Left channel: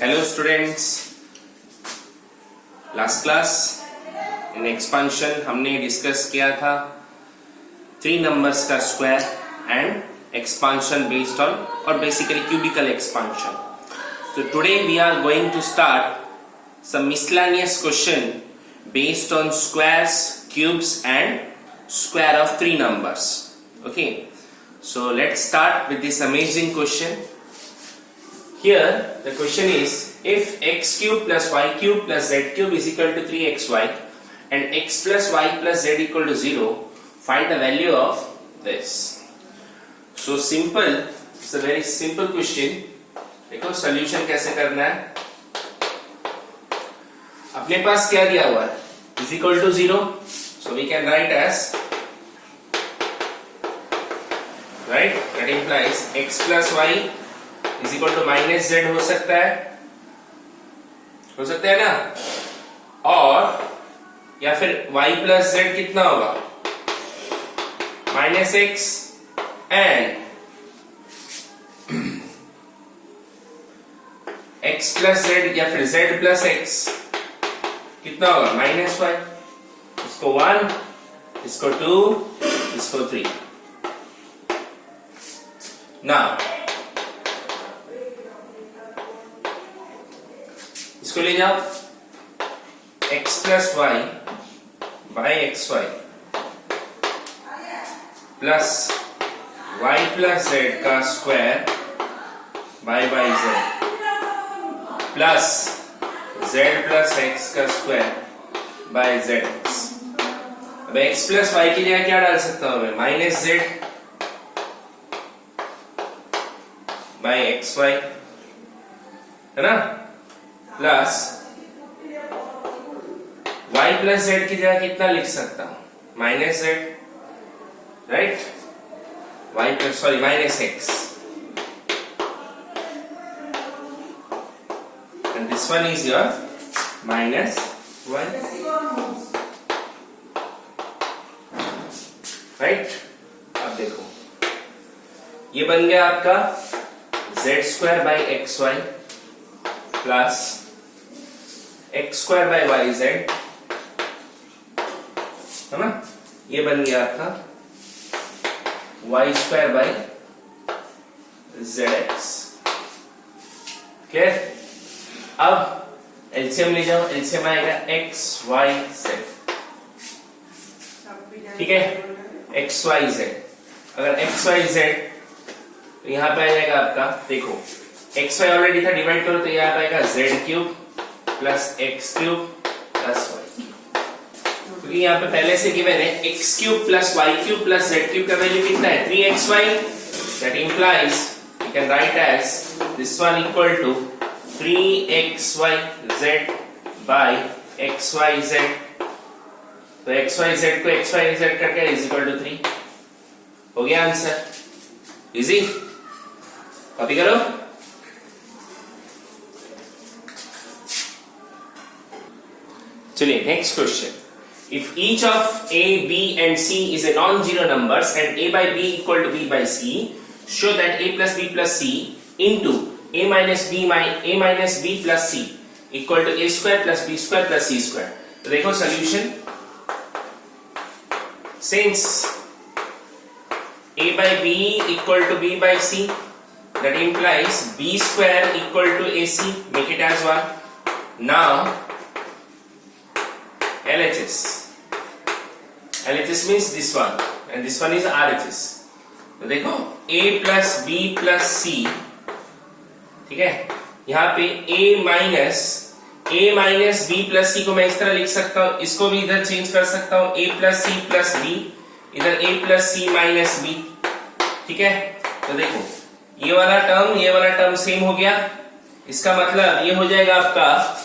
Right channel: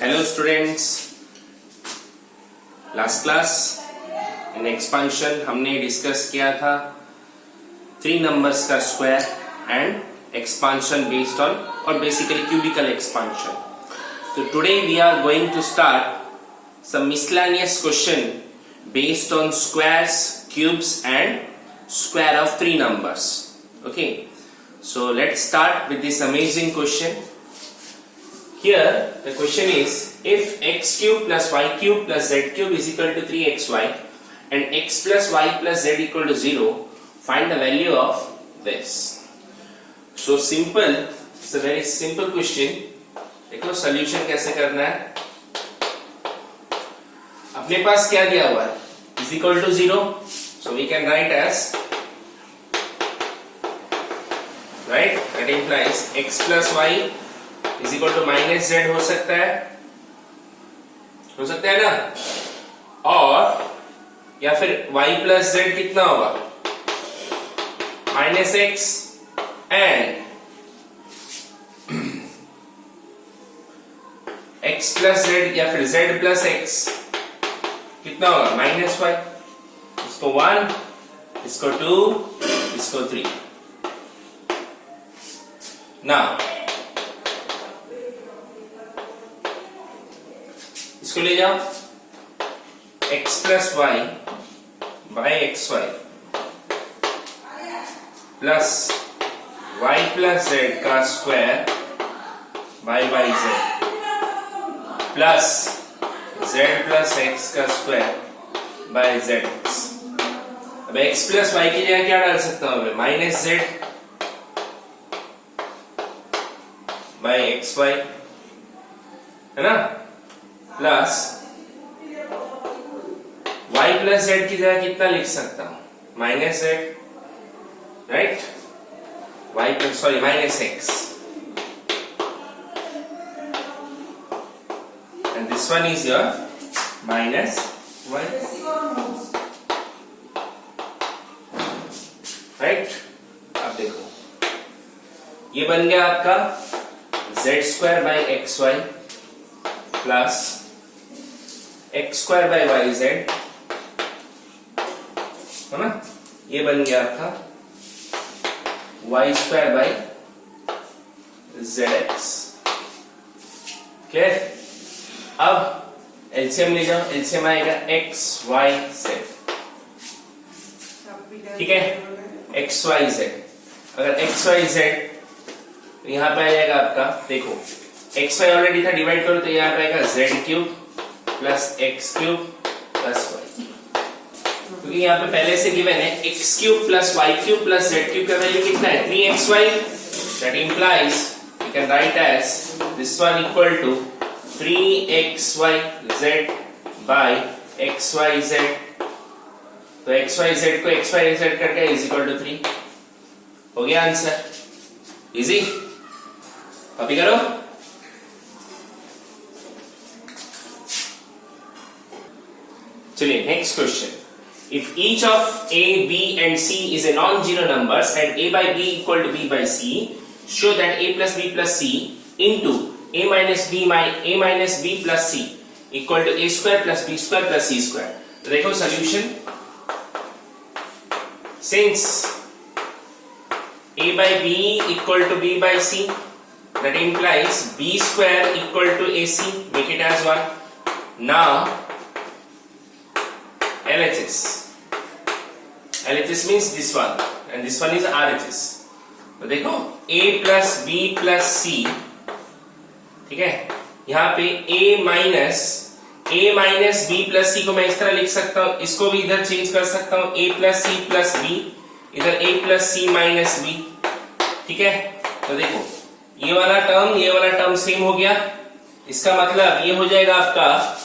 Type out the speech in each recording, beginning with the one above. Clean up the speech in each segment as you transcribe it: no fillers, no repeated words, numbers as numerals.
Hello students, last class in expansion हमने discuss किया था 3 नंबर्स का square and expansion based on और basically cubical expansion. So today we are going to start some miscellaneous question based on squares, cubes and square of 3 numbers. Okay, so let's start with this amazing question. Here the question is, if x cube plus y cube plus z cube is equal to 3xy and x plus y plus z equal to 0, find the value of this. So simple, it's a very simple question. देखो solution कैसे करना है. अपने पास क्या दिया हुआ है, is equal to 0, so we can write as, right, that implies x plus y is equal to minus z हो सकता है ना, और या फिर y plus z कितना होगा, minus x and x plus z या फिर z plus x कितना होगा, minus y. इसको 1, इसको 2, इसको 3. Now इसको ले जाओ, x plus y by xy plus y plus z का square by z plus z plus x का स्क्वायर by zx. अब x plus y की जगह क्या डाल सकता हूं मैं, माइनस z by xy, है ना, प्लस y प्लस z की जगह कितना लिख सकता हूं, minus z, right, y plus sorry minus x, and this one is your minus y, right. अब देखो ये बन गया आपका z square by X Y plus x square by Y Z, है ना, ये बन गया आपका y square by Z X. Clear. अब एलसीएम ले जाओ, एलसीएम आएगा x y z, ठीक है, x y z. अगर x y z तो यहां पे आ जाएगा आपका, देखो x y ऑलरेडी था, डिवाइड करो तो यहां पे आएगा z cube plus X cube plus Y, क्योंकि यहाँ पे पहले से गिवन है X cube plus Y cube plus Z cube का वैल्यू कितना है, 3xy. That implies we can write as this one equal to 3xyz by xyz. तो xyz को xyz करके इज इक्वल टू 3 हो गया आंसर. इजी, कॉपी करो. चलिए next question. If each of a, b and c is a non-zero numbers and a by b equal to b by c, show that a plus b plus c into a minus b plus c equal to a square plus b square plus c square. तो देखो solution. Since a by b equal to b by c, that implies b square equal to ac. Make it as 1. Now LHS means this one and this one is RHS. तो देखो a plus b plus c, ठीक है, यहाँ पे a minus b plus c को मैं इस तरह लिख सकता हूँ, इसको भी इधर चेंज कर सकता हूँ, a plus c plus b, इधर a plus c minus b, ठीक है. तो देखो ये वाला टर्म सेम हो गया. इसका मतलब ये हो जाएगा आपका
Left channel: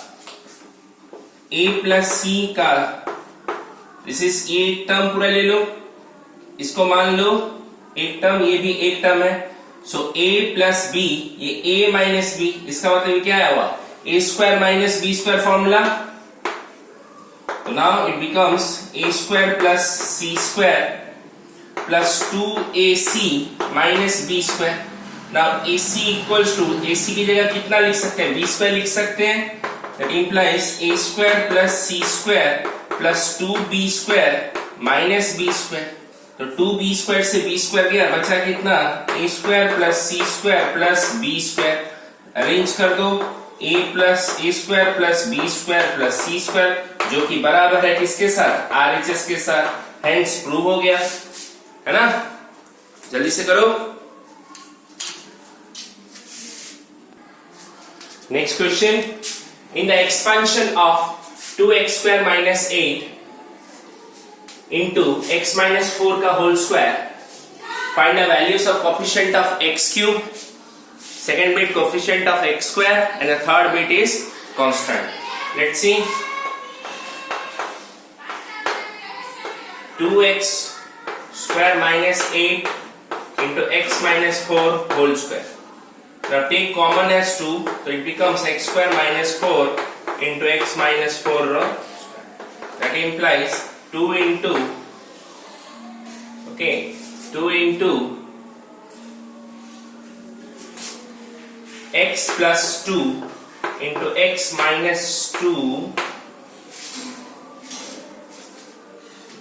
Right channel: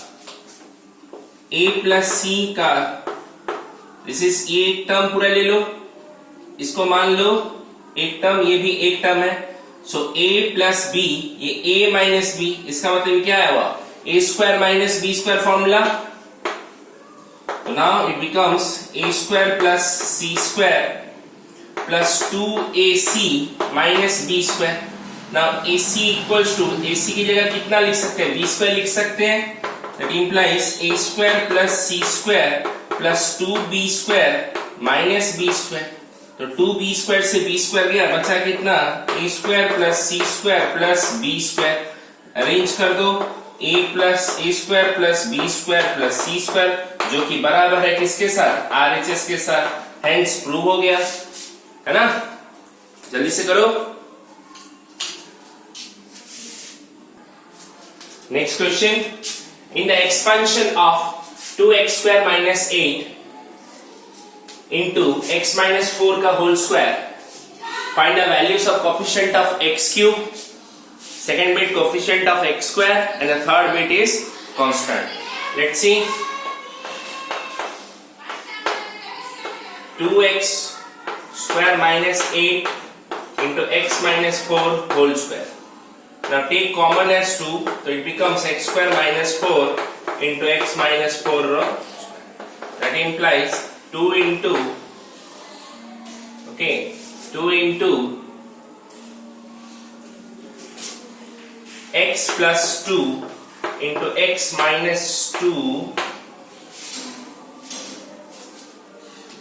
a plus c का, दिस इज ये एक टर्म पूरा ले लो, इसको मान लो एक टर्म, ये भी एक टर्म है. सो a प्लस b, ये a माइनस b, इसका मतलब क्या है हुआ, a square minus b square formula. Now it becomes a square plus c square plus 2ac minus b square. Now AC equals to, AC की जगह कितना लिख सकते हैं, b स्क्वायर लिख सकते हैं. That implies a square plus c square plus 2b square minus b square. तो 2b स्क्वायर से b स्क्वायर गया, बचा कितना, a square plus c square plus b square. Arrange कर दो, a square plus b square plus c square, जो कि बराबर है किसके साथ, RHS के साथ. हेंस प्रूव हो गया, है ना. जल्दी से करो. Next question. In the expansion of 2x square minus 8 into x minus 4 का whole square, find the values of coefficient of x cube, second bit coefficient of x square, and the third bit is constant. Let's see. 2x square minus 8 into x minus 4 whole square. Now take common as 2, so it becomes x square minus 4 into x minus 4 square. That implies 2 into x plus 2 into x minus 2.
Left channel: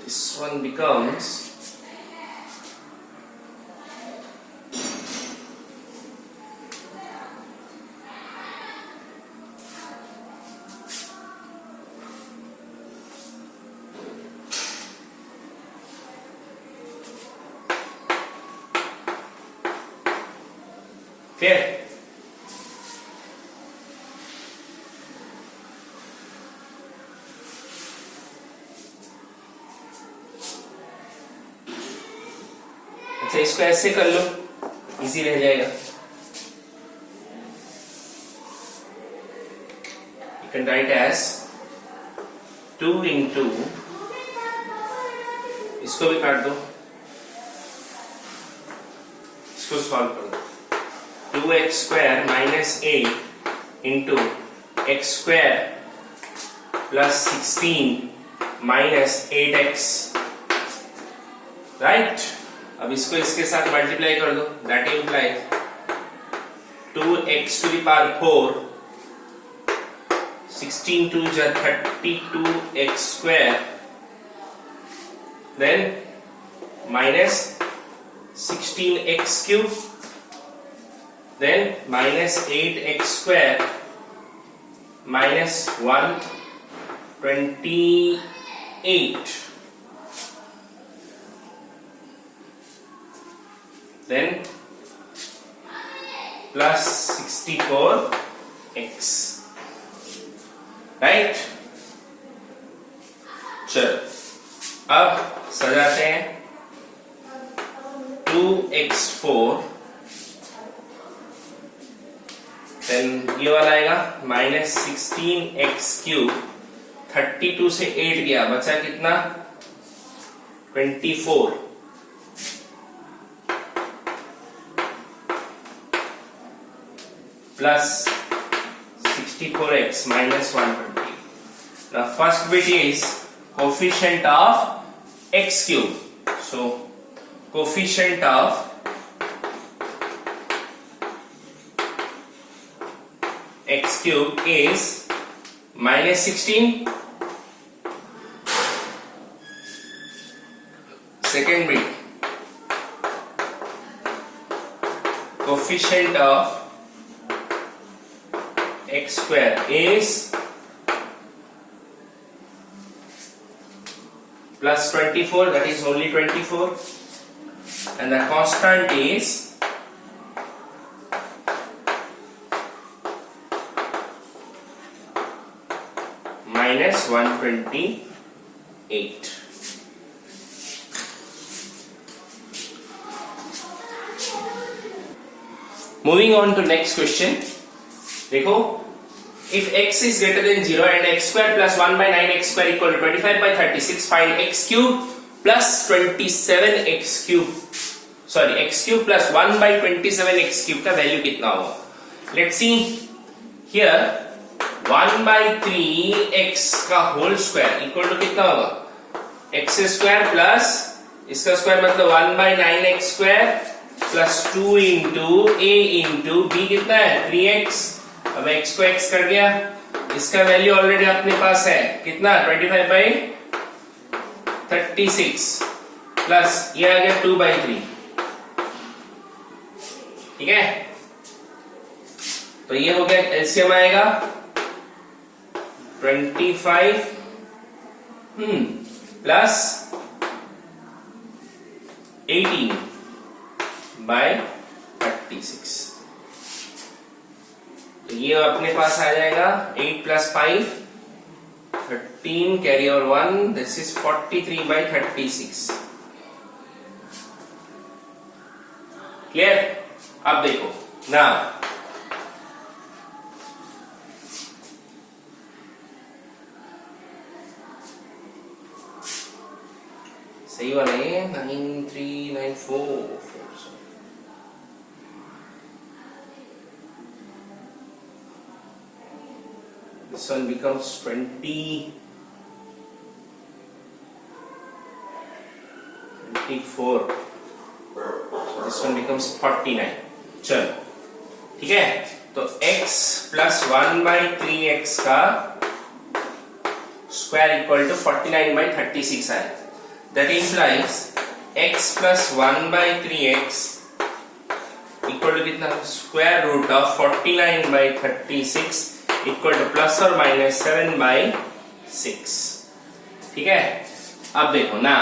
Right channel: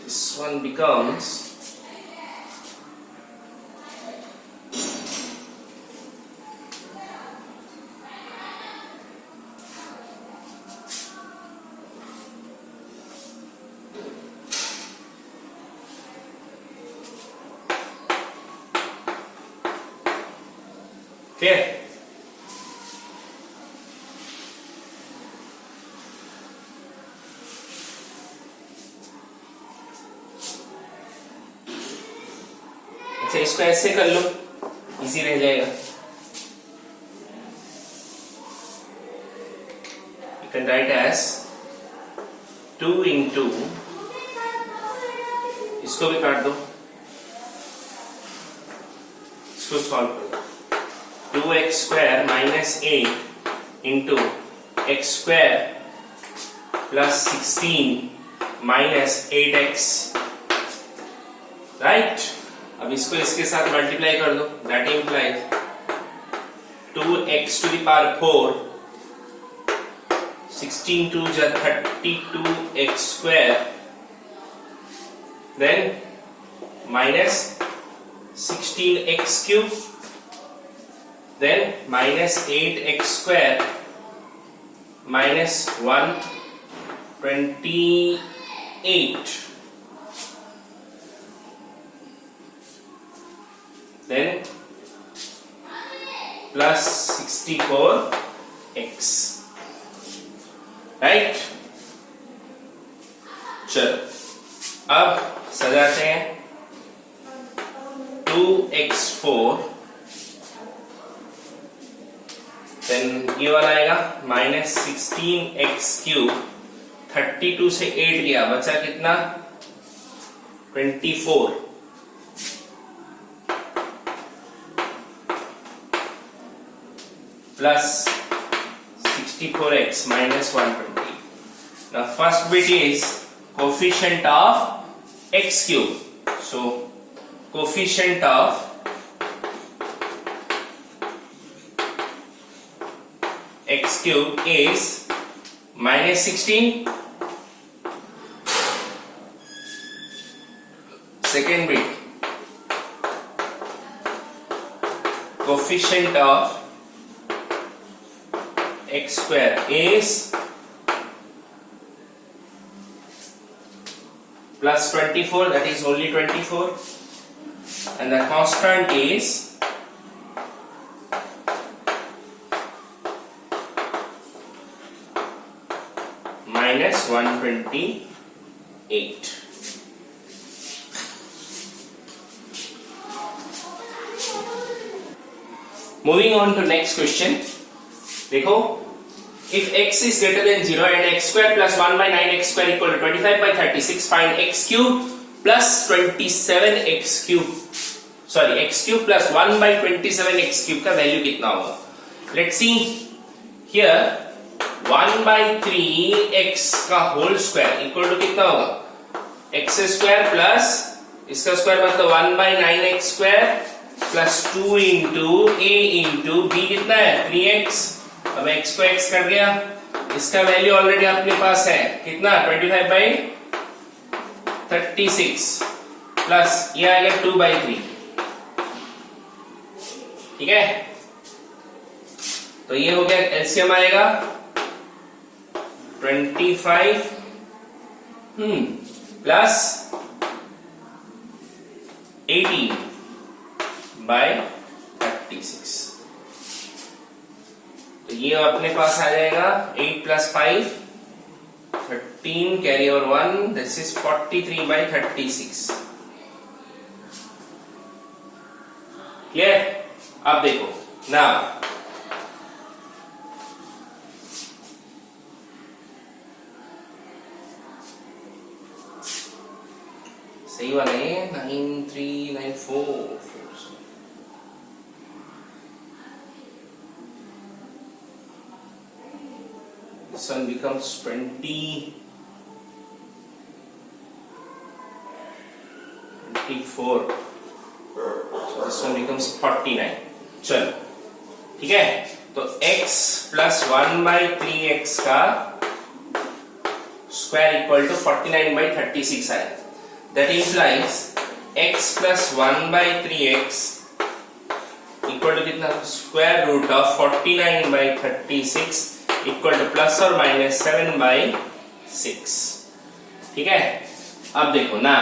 This one becomes clear. अच्छा, इसको ऐसे कर लो, easy रह जाएगा. You can write as 2 into, इसको भी काट दो, इसको सॉल्व करो. 2x square minus 8 into x square plus 16 minus 8x, right. अब इसको इसके साथ मल्टीप्लाई कर दो. That implies 2x to the power 4, 16 two जा 32x square, then minus 16x cube, then minus 8x square minus 128, then plus 64x, right. चलो अब सजाते हैं. 2x4, then ये वाला आएगा माइनस 16x क्यूब, 32 से 8 गया, बचा कितना, 24, plus 64x minus 120. Now first bit is coefficient of x cube. So coefficient of x cube is minus 16. Second bit, coefficient of x square is plus 24, that is only 24, and the constant is minus 128. Moving on to next question. देखो, if x is greater than 0 and x square plus 1 by 9x square equal to 25 by 36, find x cube plus 27x cube. Sorry, x cube plus 1 by 27x cube का value कितना होगा? Let's see here. 1 by 3x का whole square equal to कितना होगा? x square plus इसका square मतलब 1 by 9x square plus 2 into A into B कितना है 3x। अब x को x कर दिया, इसका वैल्यू ऑलरेडी अपने पास है कितना 25/36 प्लस ये आ गया 2/3। ठीक है, तो ये हो गया एलसीएम आएगा 25 प्लस 18/36। तो ये अपने पास आ जाएगा 8 plus 5 13 carry over 1 this is 43/36। Clear? अब देखो ना सही वाले 9394 this one becomes 24 so this one becomes 49। चलो ठीक है, तो x प्लस 1/3x का स्क्वायर इक्वल टू 49/36 आया। That implies x plus 1/3x equal to कितना square root of 49/36 equal to plus or minus 7/6। ठीक है, अब देखो ना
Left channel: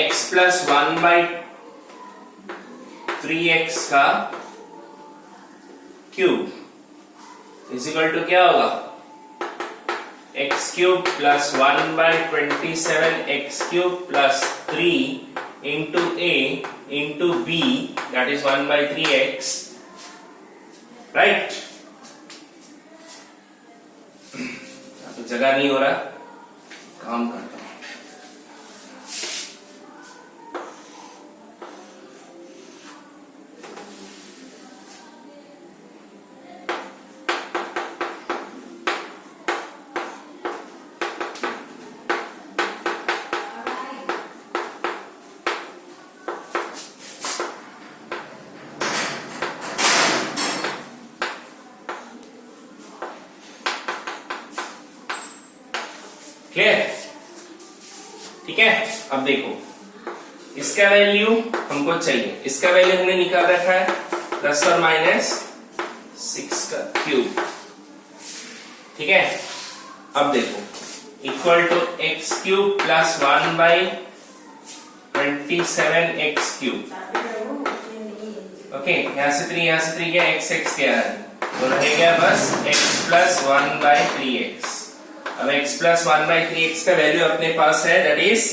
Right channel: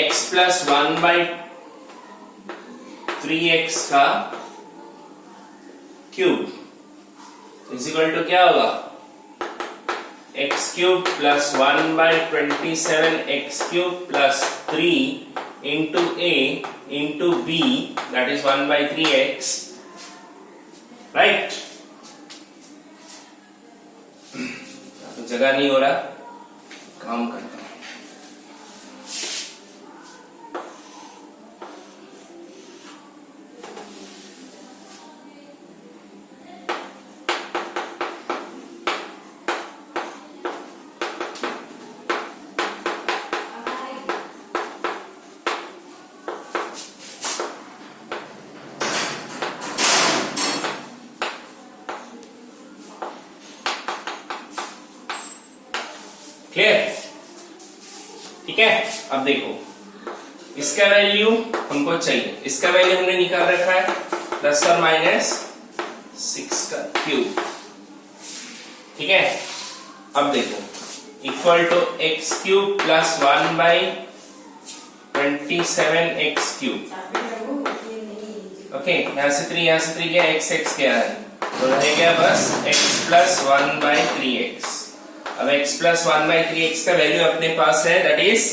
x plus 1/3x का क्यूब इज इक्वल टू क्या होगा x cube plus 1/27 x cube plus 3 into a into b that is 1/3x right. तो जगह नहीं हो रहा, काम करता हूं। क्लियर? ठीक है, अब देखो इसका वैल्यू हमको चाहिए, इसका वैल्यू हमने निकाल रखा है प्लस और माइनस 6 का क्यूब। ठीक है, अब देखो equal to x cube plus 1/27 x cube. Okay, यहां से 3 गया, x क्या है तो रहेगा बस x प्लस 1/3x। अब x प्लस 1/3x का वैल्यू अपने पास है दैट इज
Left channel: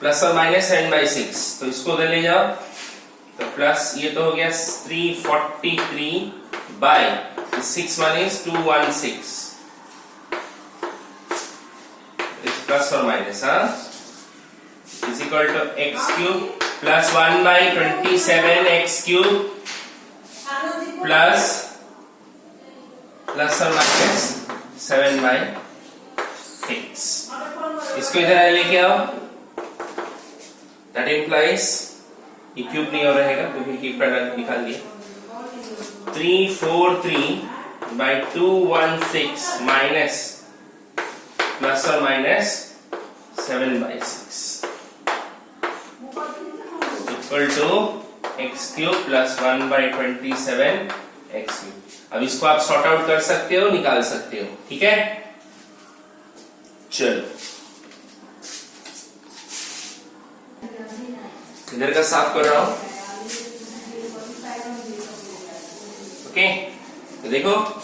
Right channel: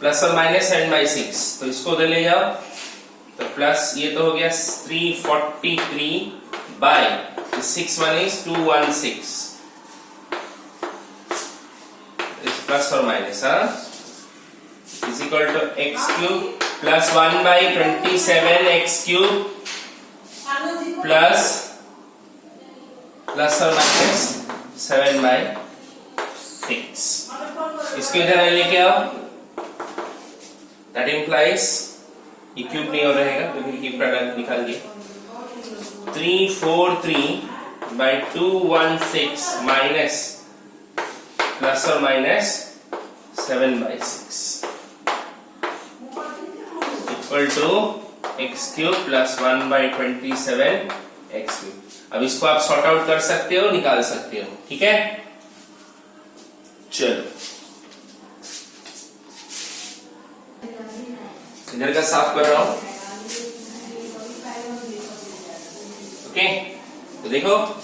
प्लस और माइनस 7/6। तो इसको उधर ले जाओ तो प्लस ये तो हो गया 343/6 1 is 216 प्लस और minus is equal to x cube plus 1/27 x cube plus और माइनस 7/6। इसको इधर लेके आओ, दैट इम्प्लाइज ये क्यूब नहीं हो रहेगा क्योंकि क्यूब प्रोडक्ट निकाल दिए 343/216 माइनस प्लस और minus 7/6 equal to x cube plus 1/27 x cube. अब इसको आप सॉर्ट आउट कर सकते हो, निकाल सकते हो। ठीक है, चलो इधर का साफ कर रहा हूं। ओके, तो देखो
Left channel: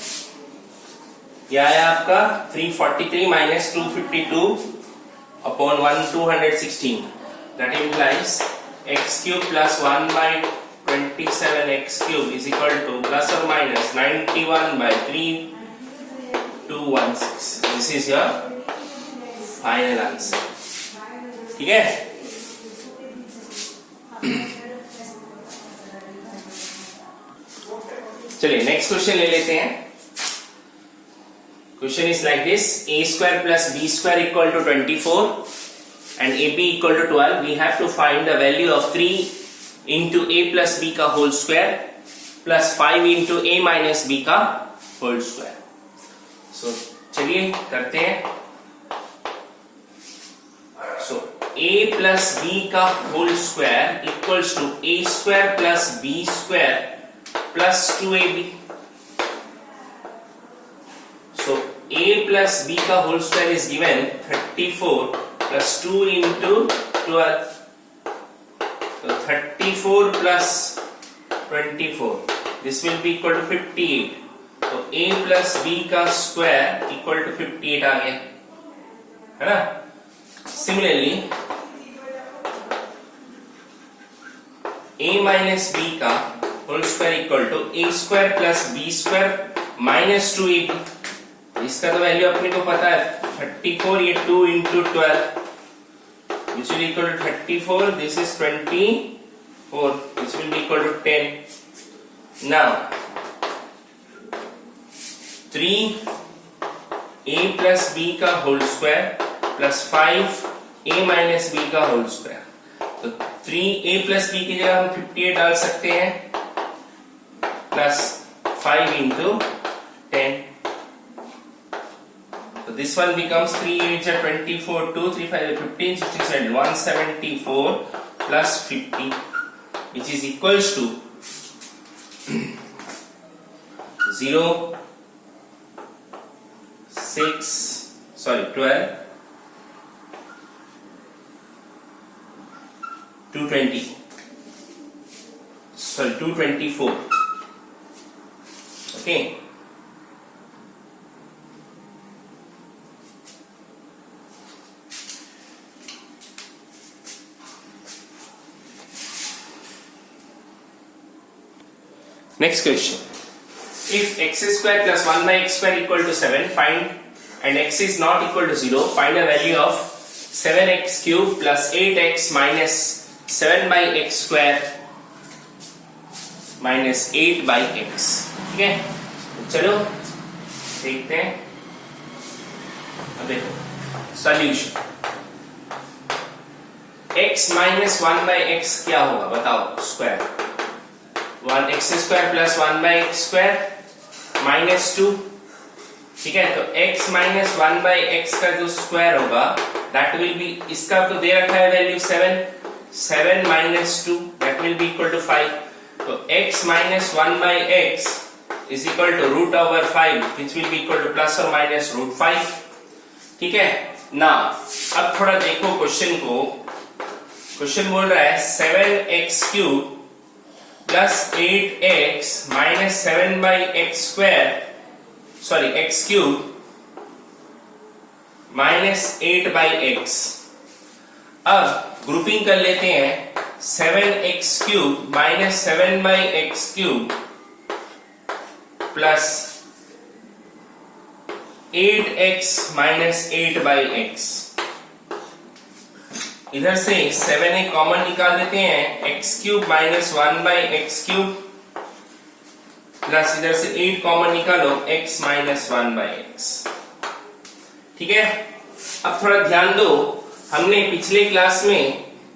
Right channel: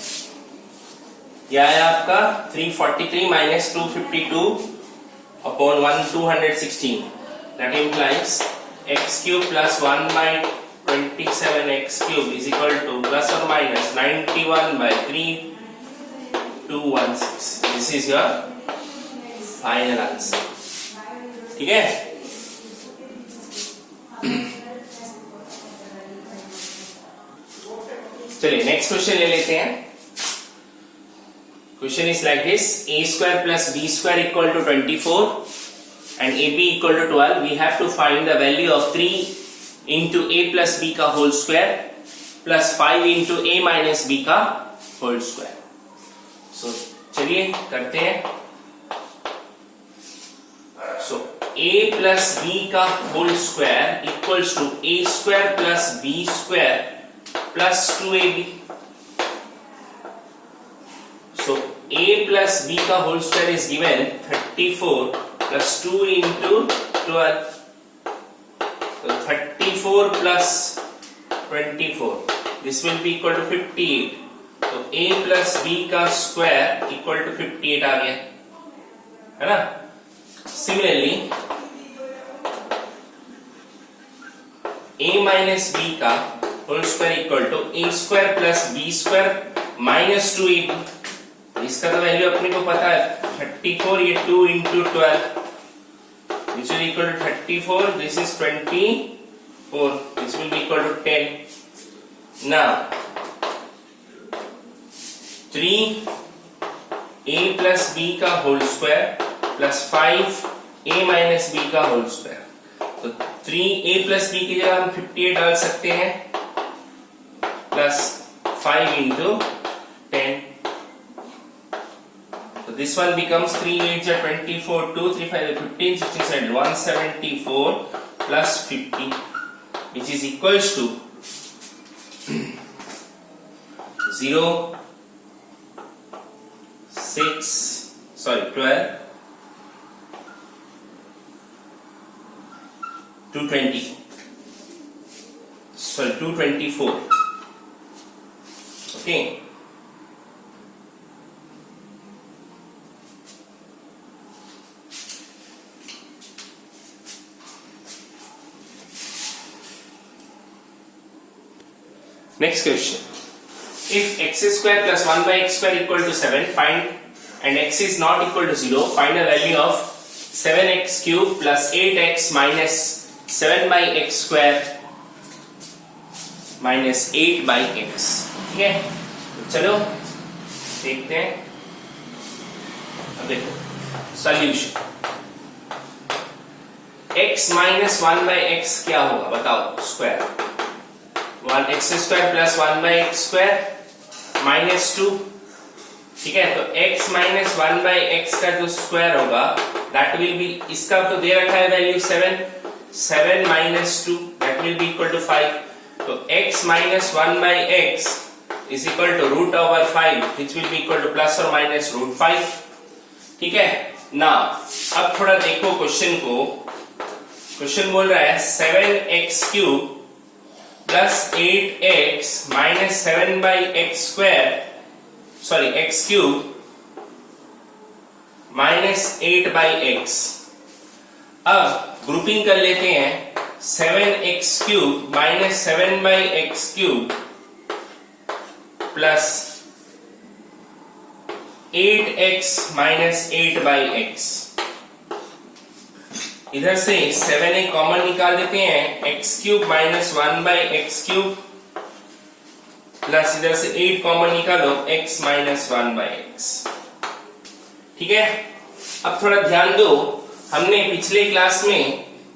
यह आया आपका 343 minus 252 upon 216 that implies x cube plus 1/27 x cube is equal to plus और minus 91/3216। This is your final answer. ठीक है, चलिए नेक्स्ट क्वेश्चन ले लेते हैं। Question is like this: a square plus b square equal to 24 and ab equal to 12. We have to find the value of 3 into a plus b का whole square plus 5 into a minus b का whole square. So चलिए करते हैं. So a plus b का whole square equals to a square plus b square plus 2ab. So a plus b का whole square is given 34 plus 2 into 12. So 34 plus 24. This will be equal to 58. So a plus b का square equal to 58 आ गया, है ना? Similarly, a minus b का whole square equal to a square plus b square minus 2ab. इसका तो value अपने को पता है 34, ये 2 into 12, which will equal to 34. This is 24. This will be equal to 10. Now 3a plus b का whole square plus 5a minus b का whole square. तो 3a plus b की जगह हम 58 डाल सकते हैं plus 5 into 10. So this one becomes 3 8 are 24, 2 3 5 15 16 17 174 plus 50, which is equals to 0 6 12 220, 224. Okay. Next question: if x square plus 1 by x square equal to 7, find, and x is not equal to 0, find a value of 7x cube plus 8x minus 7 by x square minus 8 by x. ठीक है, तो चलो देखते हैं. अब देखो solution. x minus 1 by x क्या होगा बताओ? Square 1x square plus 1 by x square minus 2. ठीक है, तो x minus 1 by x का जो स्क्वायर होगा that will be, इसका तो दे रखा है value 7 minus 2 that will be equal to 5. तो x minus 1 by x is equal to root over 5, which will be equal to plus or minus root 5. ठीक है. now अब थोड़ा देखो क्वेश्चन को. क्वेश्चन बोल रहा है 7x cube plus 8x minus 7 by x square, sorry x cube minus 8 by x. अब ग्रुपिंग कर लेते हैं. 7x cube minus 7 by x cube plus 8x minus 8 by x. इधर से 7 कॉमन निकाल देते हैं. x cube minus 1 by X cube plus इधर से 8 कॉमन निकालो x माइनस 1 बाई एक्स. ठीक है. अब थोड़ा ध्यान दो, हमने पिछले क्लास में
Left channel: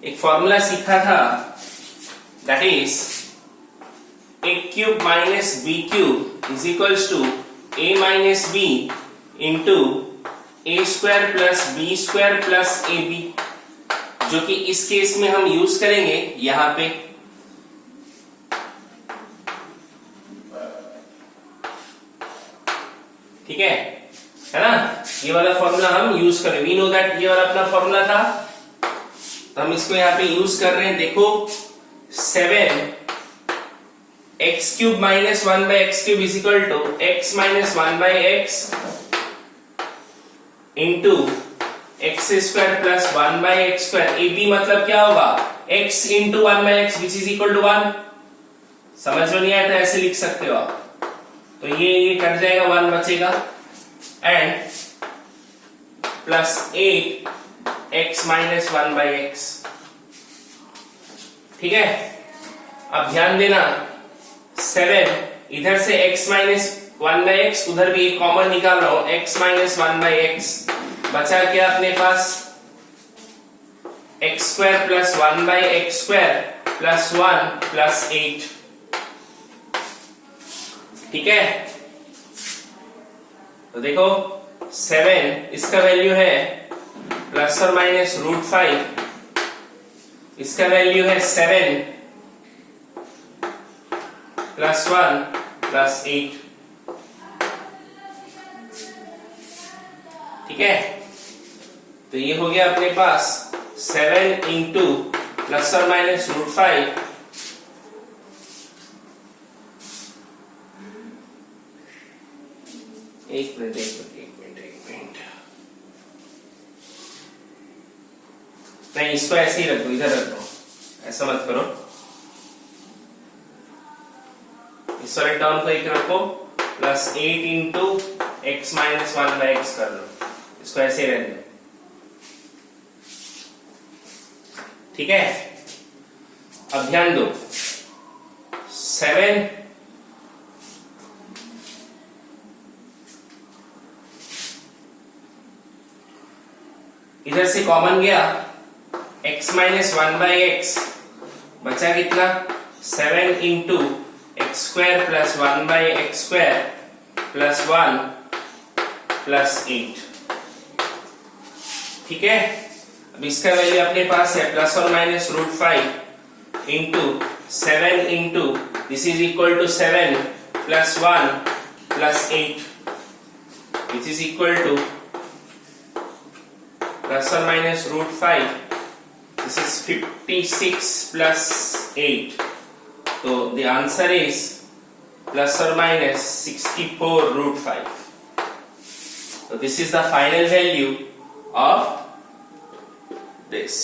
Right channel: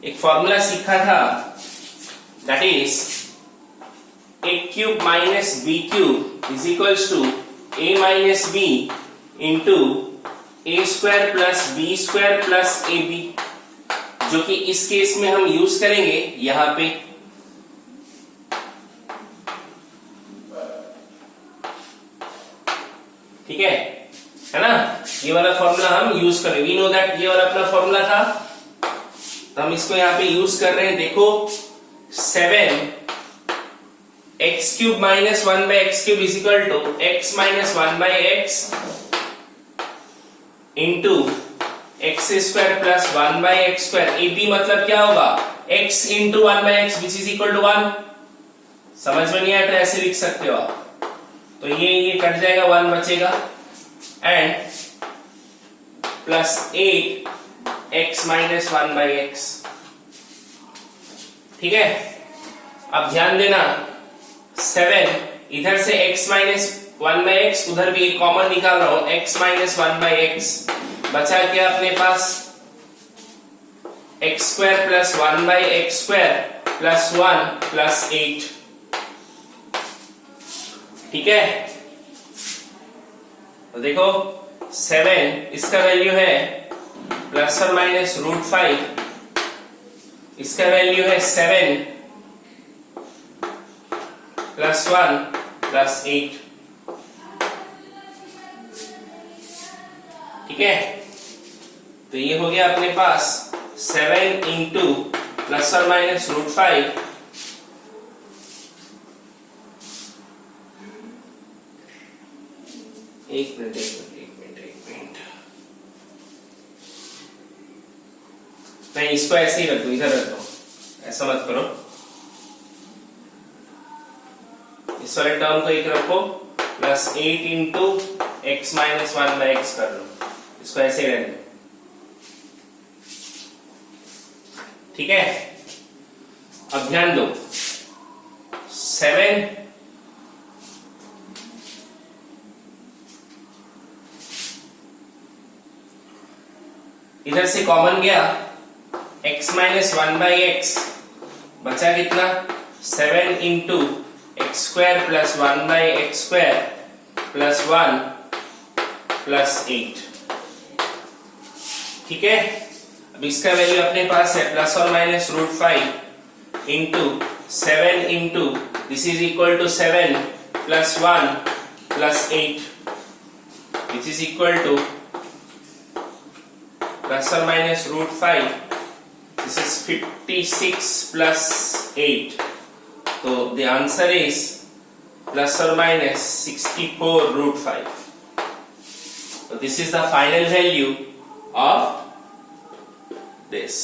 एक फॉर्मूला सीखा था, that is a cube minus b cube is equals to a minus b into a square plus b square plus ab, जो कि इस केस में हम यूज करेंगे यहां पे. ठीक है ना? ये वाला फॉर्मूला हम यूज करेंगे. वी नो दैट ये वाला अपना फॉर्मूला था, तो हम इसको यहां पे यूज कर रहे हैं. देखो 7 x cube minus 1 by X cube is equal to x minus 1 by X into x square plus 1 by X square. A B मतलब क्या होगा? x into 1 by X which is equal to 1. समझ में नहीं आया तो ऐसे लिख सकते हो आप. तो ये कट जाएगा, 1 बचेगा and plus 8 x minus 1 by x. ठीक है. अब ध्यान देना 7 इधर से x माइनस 1 बाई एक्स, उधर भी एक कॉमन निकाल रहा हूं, x माइनस 1 बाई एक्स, बचा क्या अपने पास X square plus 1 by X square plus 1 plus 8। ठीक है, तो देखो 7 इसका वैल्यू है प्लस और माइनस √5, इसका वैल्यू है 7 प्लस 1 प्लस 8। ठीक है, तो ये हो गया अपने पास 7 इंटू प्लस और माइनस √5 एक मिनट नहीं, इसको ऐसे ही रख दो, इधर रख दो, ऐसा मत करो, इस वाले टर्म को एक रखो, plus 8 into x minus 1 by x कर लो, इसको ऐसे ही रहने दो। ठीक है, अब ध्यान दो, 7 इधर से कॉमन गया, x माइनस 1 बाई एक्स, बचा कितना 7 into x square plus 1 by X square plus 1 plus 8। ठीक है, अब इसका वैल्यू अपने पास है प्लस और minus √5 into 7 into this is equal to 7 plus 1 plus 8 which is equal to plus और minus √5, this is 56 plus 8, so the answer is plus or minus 64 √5. So this is the final value of this.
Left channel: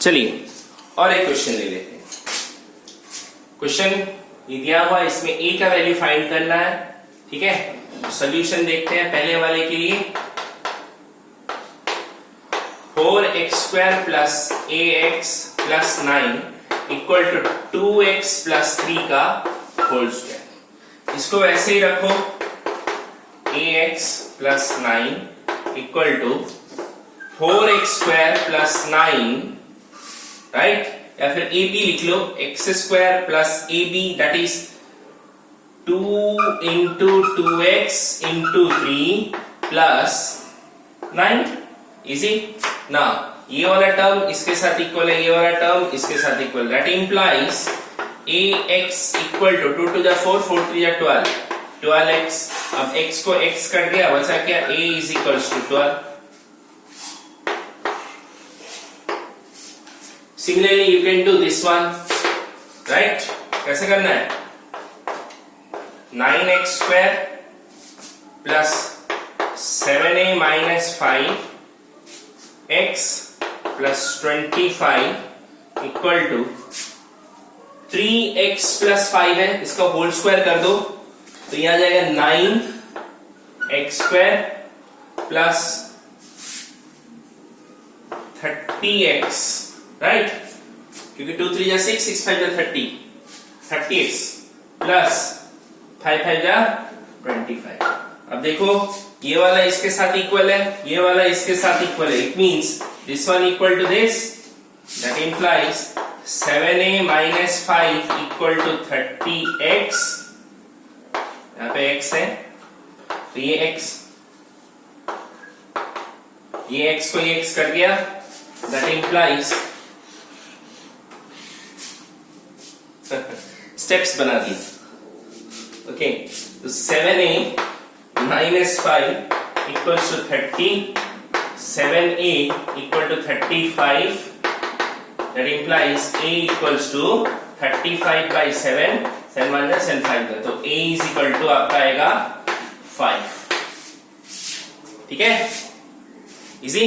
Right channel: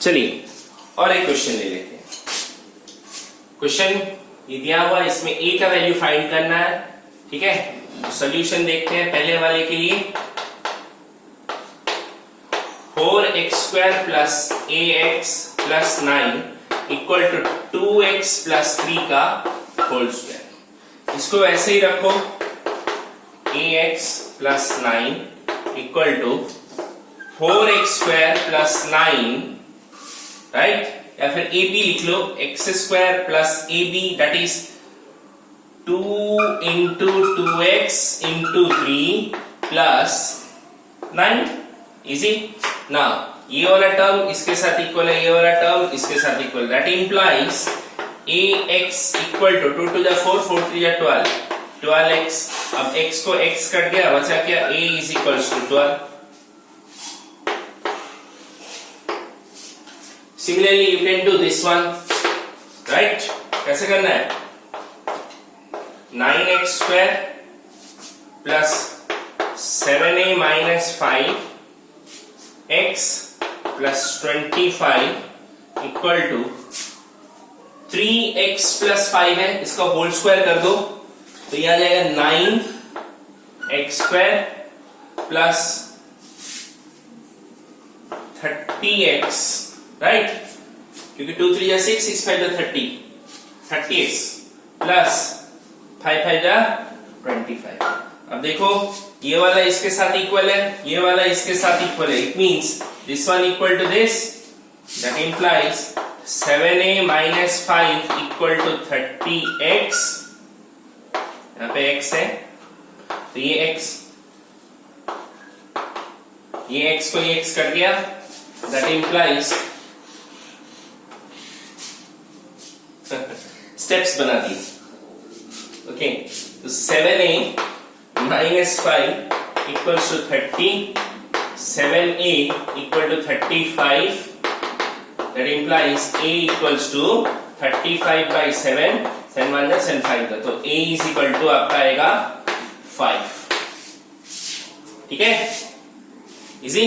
चलिए और एक question ले लेते हैं। Question ये दिया हुआ, इसमें a का वैल्यू फाइंड करना है। ठीक है, सॉल्यूशन देखते हैं पहले वाले के लिए। 4x square plus ax plus 9 equal to 2x plus 3 का होल स्क्वायर। इसको वैसे ही रखो, ax plus 9 equal to 4x square plus 9, right, या फिर ab लिख लो, x square plus ab that is 2 into 2x into 3 plus 9। Easy ना, ये वाला टर्म इसके साथ इक्वल है, ये वाला टर्म इसके साथ equal, that implies ax equal to 2 to the 4 4 3 12 12x। अब x को x कट गया, बचा क्या, a is equal to 12। Similarly, you can do this one, right? कैसे करना है, 9x square plus 7a minus 5x plus 25 equal to 3x plus 5 है, इसका होल स्क्वायर कर दो तो यह आ जाएगा 9x square plus 30x, right, क्योंकि 2 3 जा 6 6 5 जा 30x प्लस 5 5 जा 25। अब देखो ये वाला इसके साथ इक्वल है, ये वाला इसके साथ इक्वल है, it means this one equal to this, that implies 7a minus 5 equal to 30x। यहाँ पे x है तो ये x को ये x कट गया, दैट इंप्लाइज स्टेप्स बना दी। ओके, तो 7a minus 5 equals to 30, 7a equal to 35, that implies a equals to 35 by 7, 7 1 जा 7 5 का, तो a इज इक्वल टू आपका आएगा 5। ठीक है, इजी।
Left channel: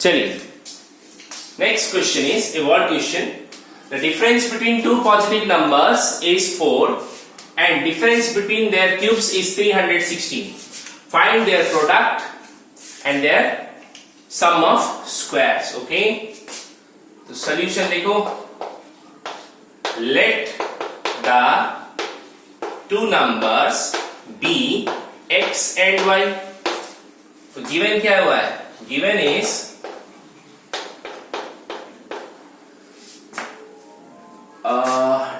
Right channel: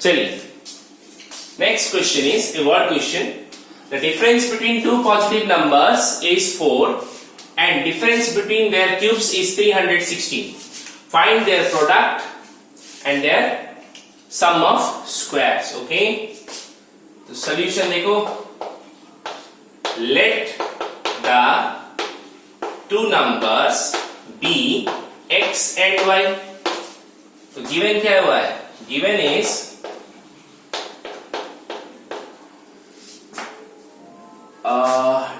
चलिए, next question is a word question. The difference between two positive numbers is 4 and difference between their cubes is 316. Find their product and their sum of squares. Okay, तो solution देखो, let the two numbers be x and y. तो given क्या हुआ है? Given is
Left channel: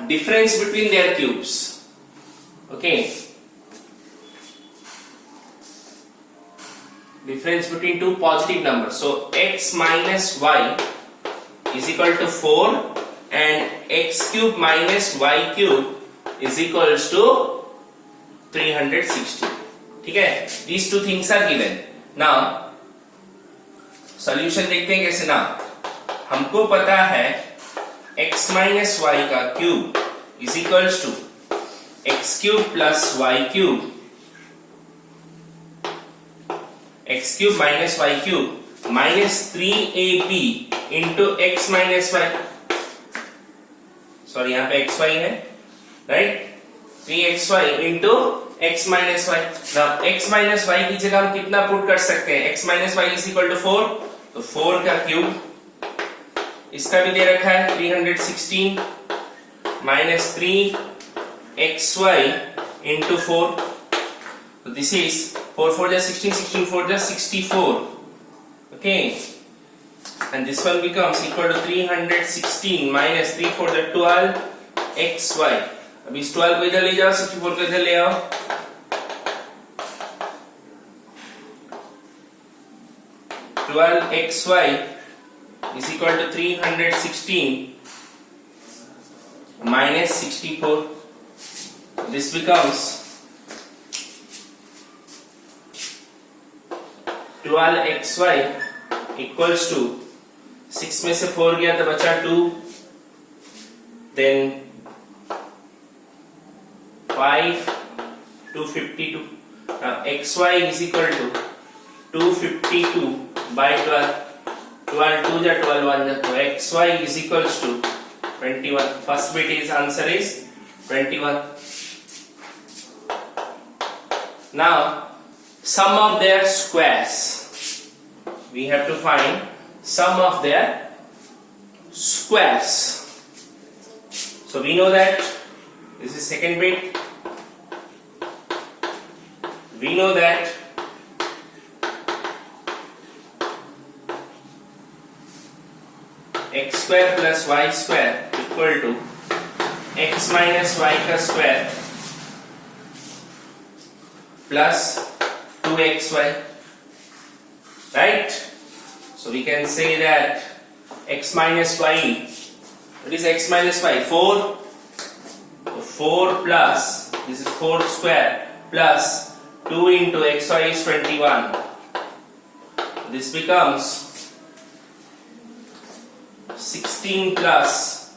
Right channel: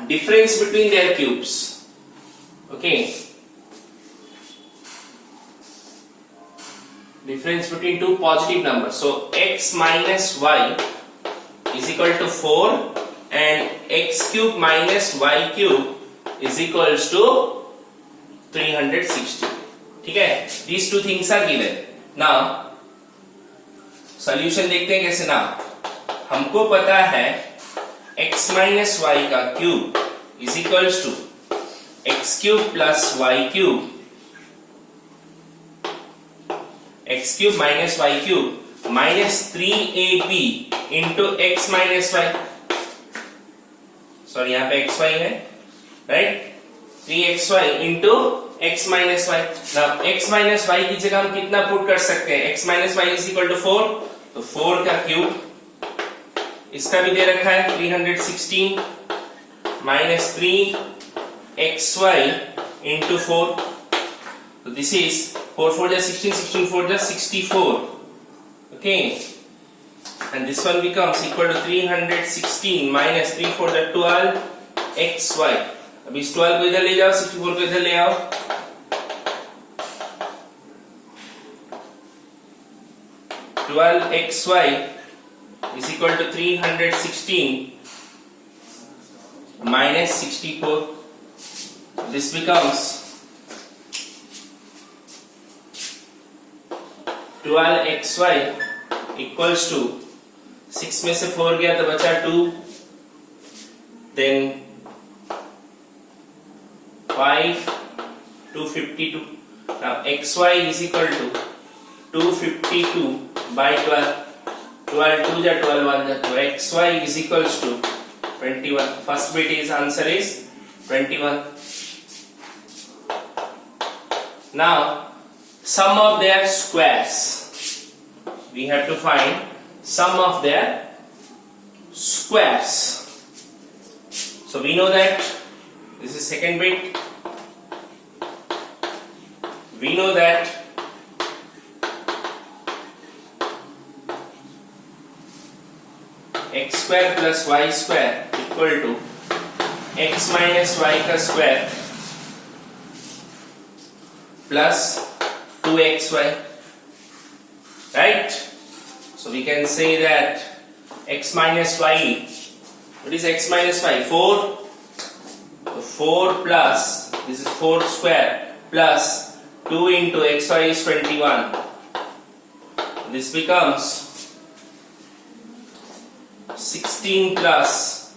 difference between their cubes. Okay, difference between two positive numbers. So x minus y is equal to 4 and x cube minus y cube is equals to 360. ठीक है, these two things are given. Now solution देखते हैं कैसे ना. हमको पता है x minus y का cube is equals to x cube plus y cube, x cube minus y cube minus 3ab into x minus y. Sorry, यहाँ पे xy है, right? 3xy into x minus y. Now x minus y की जगह हम कितना put कर सकते हैं? x minus y is equal to 4, तो 4 का क्यूब, इसका भी दे रखा है 316 minus 3xy into 4. So this is 4 4 just 16, 16 4 just 64. Okay, and this one becomes equal to 316 minus 3 4 the 12 xy. अब इस 12 को इधर ले जाओ, 64 को इधर ले आओ. xy is equal to 316 minus 64. This becomes 12xy equals to 6 में से 4 गया तो बचा 2, then 5, 252. Now xy is equal to 252 by 12. 12 2 ja 12 1 ja, so xy is equals to 21. First bit is answer is 21. Now sum of their squares, we have to find sum of their squares. So we know that this is second bit. We know that x square plus y square equal to x minus y का square plus 2xy, right? So we can say that x minus y, what is x minus y? 4. So 4 plus, this is 4 square plus 2 into xy is 21. This becomes 16 plus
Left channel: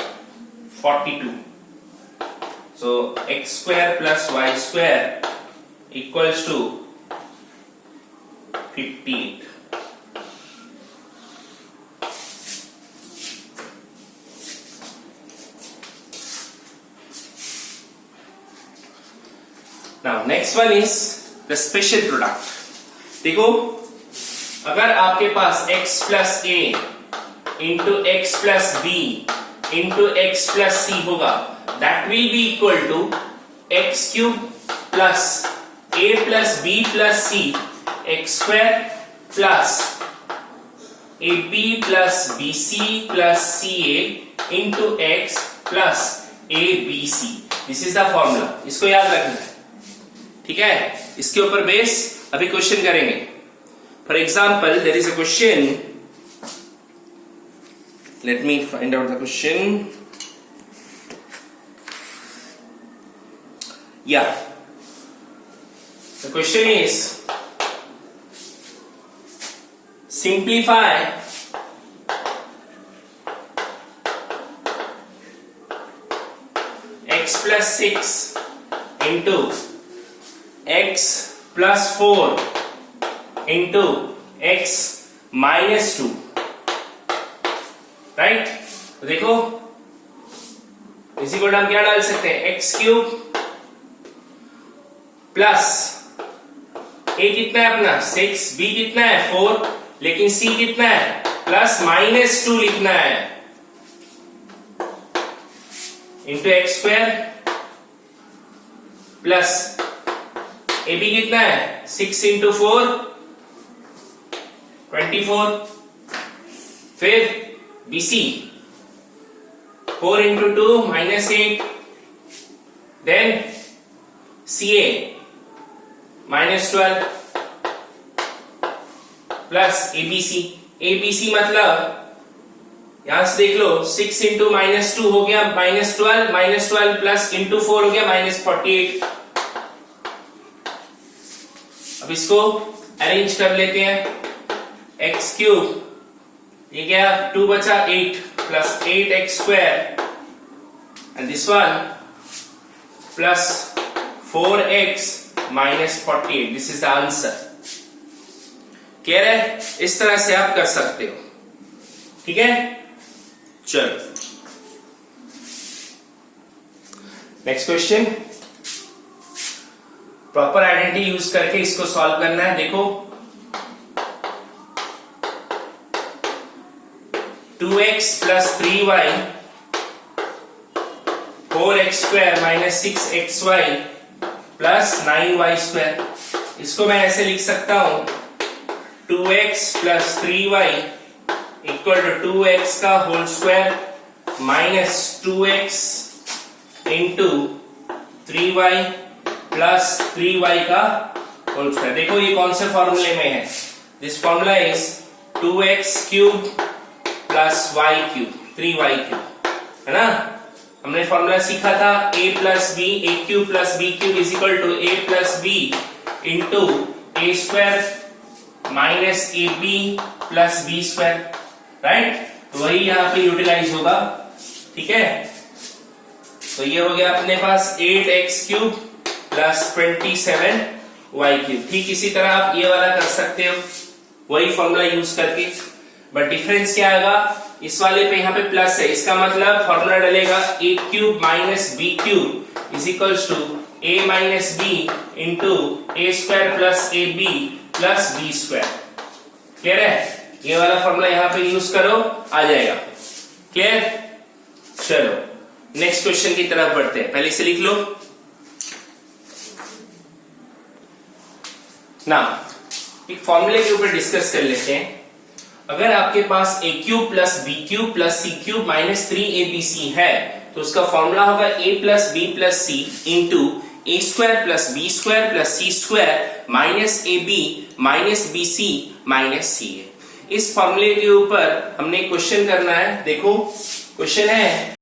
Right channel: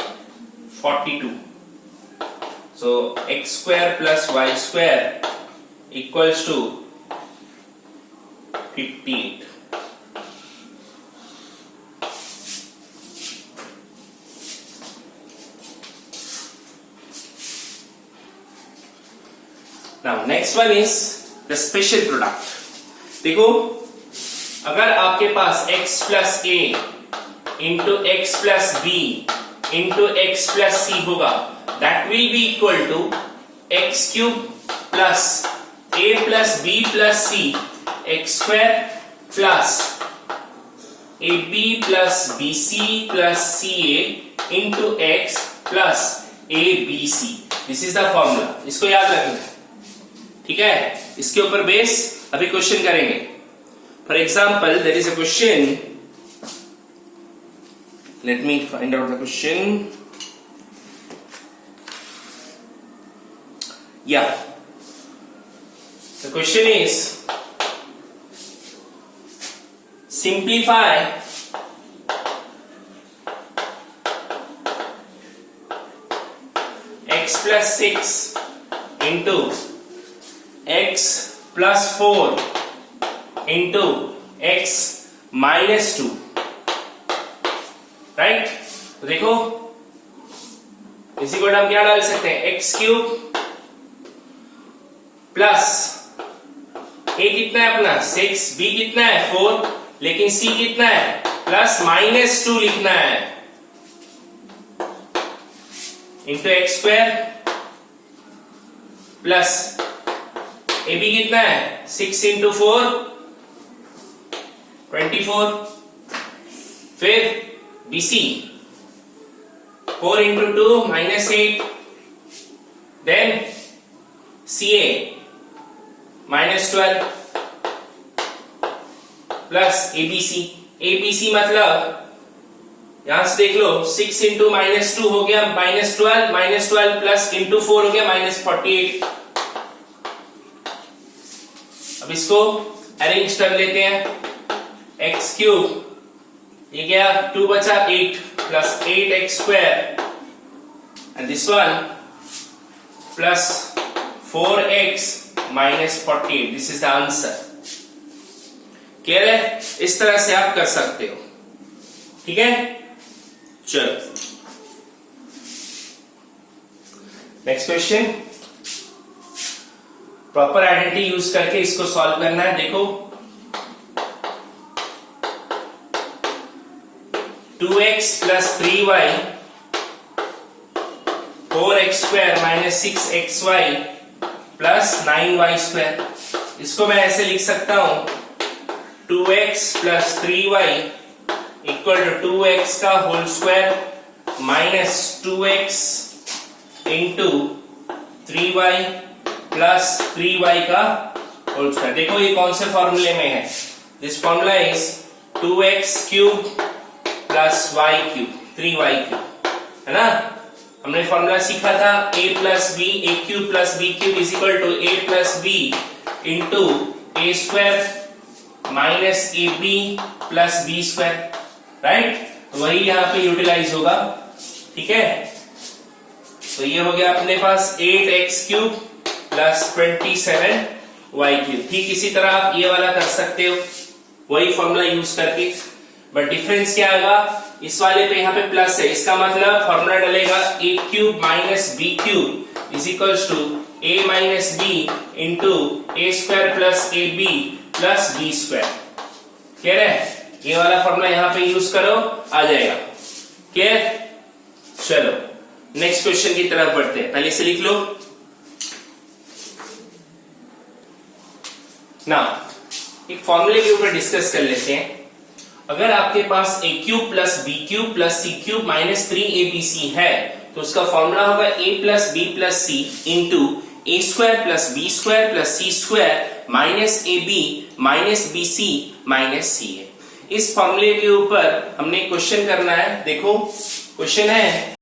42. So x square plus y square equals to 58. Now next one is the special product. देखो, अगर आपके पास x plus a into x plus b into x plus c होगा, that will be equal to x cube plus a plus b plus c x square plus ab plus bc plus ca into x plus abc. This is the formula. इसको याद रखना है, ठीक है? इसके ऊपर base अभी क्वेश्चन करेंगे. For example, there is a question. Let me find out the question. Yeah. The question is, simplify x plus 6 into x plus 4 into x minus 2. Right? तो देखो, इसी को हम क्या डाल सकते हैं? एक्स क्यूब प्लस ए कितना है अपना 6, बी कितना है 4, लेकिन सी कितना है +-2 लिखना है into x square plus a b कितना है 6 इंटू 4 24, फिर b c 4 into 2 -8, then c a -12 plus ABC. ABC मतलब यहां से देख लो 6 इंटू -2 हो गया -12 प्लस इंटू 4 हो गया -48। अब इसको अरेंज कर लेते हैं। एक्स क्यूब ये गया 2 बचा 8 plus 8x square and this one plus 4x -48। This is the answer. Clear है? इस तरह से आप कर सकते हो। ठीक है, चलो next question. Proper identity use करके इसको सॉल्व करना है। देखो 2x + 3y 4x square -6xy + 9y²। इसको मैं ऐसे लिख सकता हूं 2x + 3y = 2x का whole square -2x into 3y + 3y का होल स्क्वायर। देखो ये कौन से फॉर्मूले में है? This formula is 2x³ + y³, 3y³ है ना। हमने फॉर्मूला सीखा था a + b, a³ + b³ = a + b into a² -ab + b², right. तो वही यहां पे यूटिलाइज होगा। ठीक है, तो ये हो गया अपने पास 8x³ + 27y³। ठीक इसी तरह आप ये वाला कर सकते हो वही फॉर्मूला यूज करके, बट डिफरेंस क्या आएगा? इस वाले पे यहाँ पे प्लस है, इसका मतलब फॉर्मूला डलेगा a³ - b³ = a - b into a² + ab + b²। Clear है? ये वाला फॉर्मूला यहाँ पे यूज करो, आ जाएगा। क्लियर? चलो नेक्स्ट क्वेश्चन की तरफ बढ़ते हैं। पहले से लिख लो ना, एक फॉर्मूले के ऊपर डिस्कस कर लेते हैं। अगर आपके पास a³ + b³ + c³ -3abc है तो उसका फॉर्मूला होगा a + b + c into a² + b² + c² -ab -bc -ca। इस फॉर्मूले के ऊपर हमने क्वेश्चन करना है। देखो क्वेश्चन है